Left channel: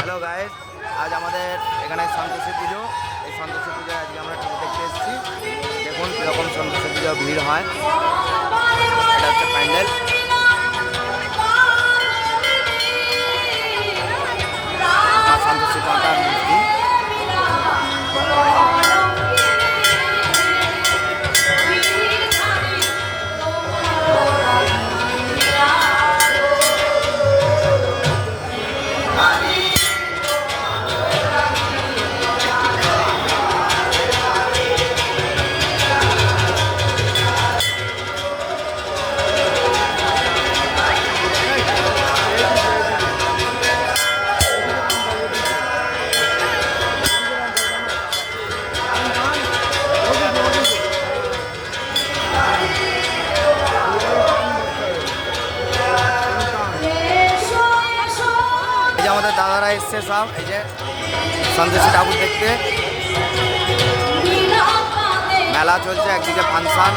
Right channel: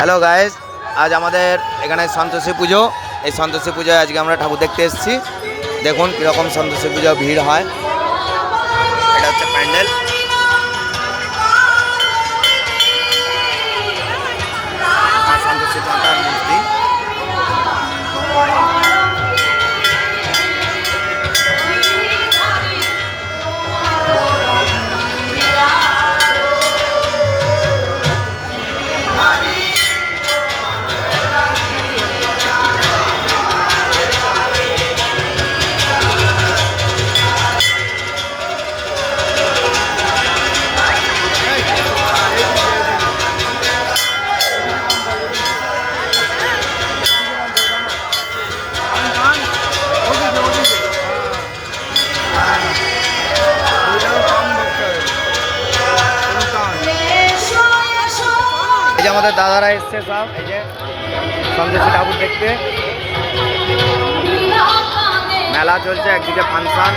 Hello guys, আজ আমাদের এখানে সন্তোষী পুজো। এই সন্তোষী পুজোয় আজকে আমরা ঠাকুর দেখতে এসেছি। দেখুন কীরকম সন্তোষী পুজো ভিড় হয়। এটা হচ্ছে প্যান্ডেল। আর সন্তোষী মাতার মূর্তি। এই যে আমাদের দাদারা এসছে সব, এই যে সন্তোষী ঠাকুর দেখতে। মেলা চলছে, একদিকে ফাংশন।